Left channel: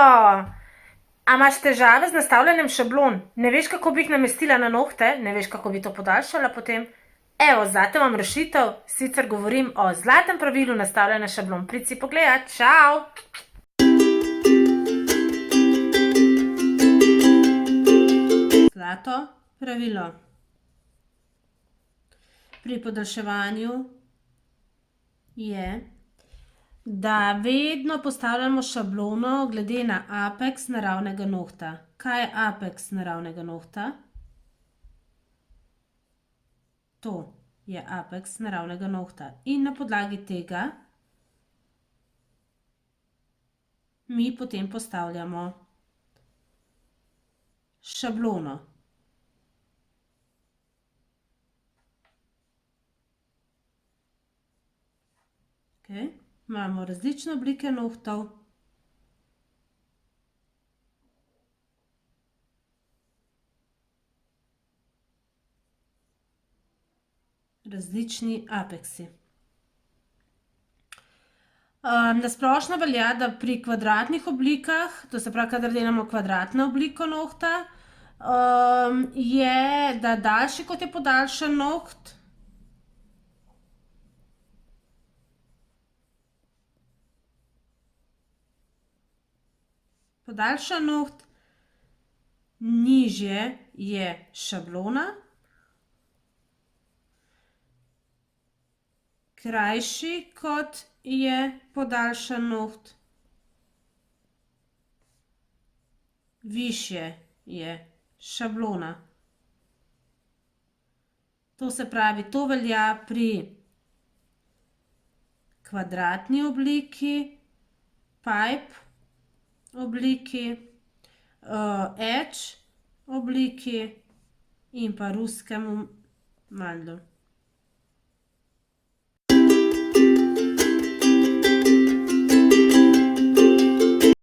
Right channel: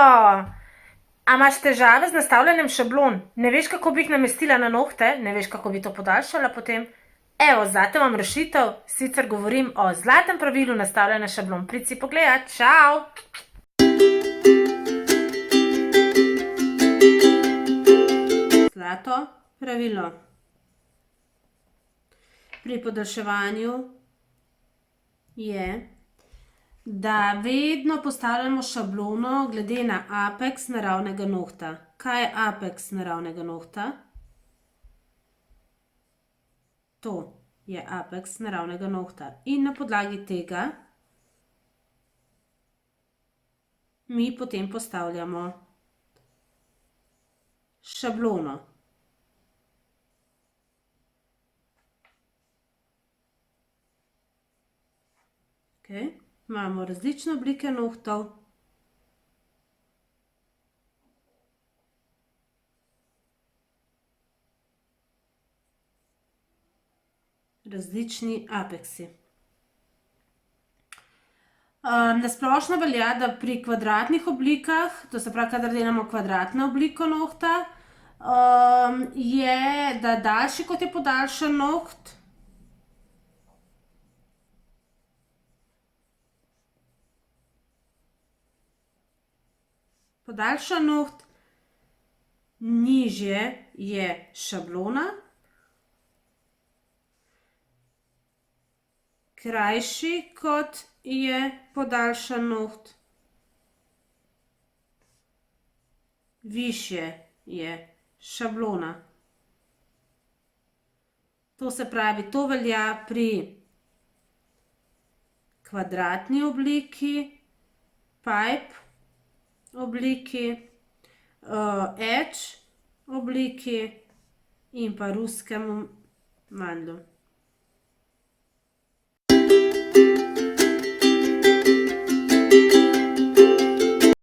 A imaš težave z nastavljanjem šablon? Ne veš, kako bi jih namestila na nohte? Ne veš, kako bi to podaljšala potem? Evo, zate imam rešitev, sicer govorim o zlatem pravilu nastavljanja šablon. Prid si pogledat, čau! Zlato pravilo. Pri podaljševanju je, da vedno postavljamo šablono glede na apeks naravnega nohta. Kaj je apeks naravnega nohta? To je apeks naravnega nohta. In na podlagi tega mi potem postavljamo šablono. Okay. Imamo različne oblike nohtov. Različni apeksi. Na splošno velja, da pri kvadratnih oblikah, to se pravi, kadar delamo kvadratno obliko nohta, je, da daljši kot je podaljšan noht, podaljšan noht, nižje je šablona, krajši kot je podaljšan noht, višje je šablona. To se pravi, to velja pri kvadratni obliki, pipe obliki, edge obliki in pa ruskem mandlju.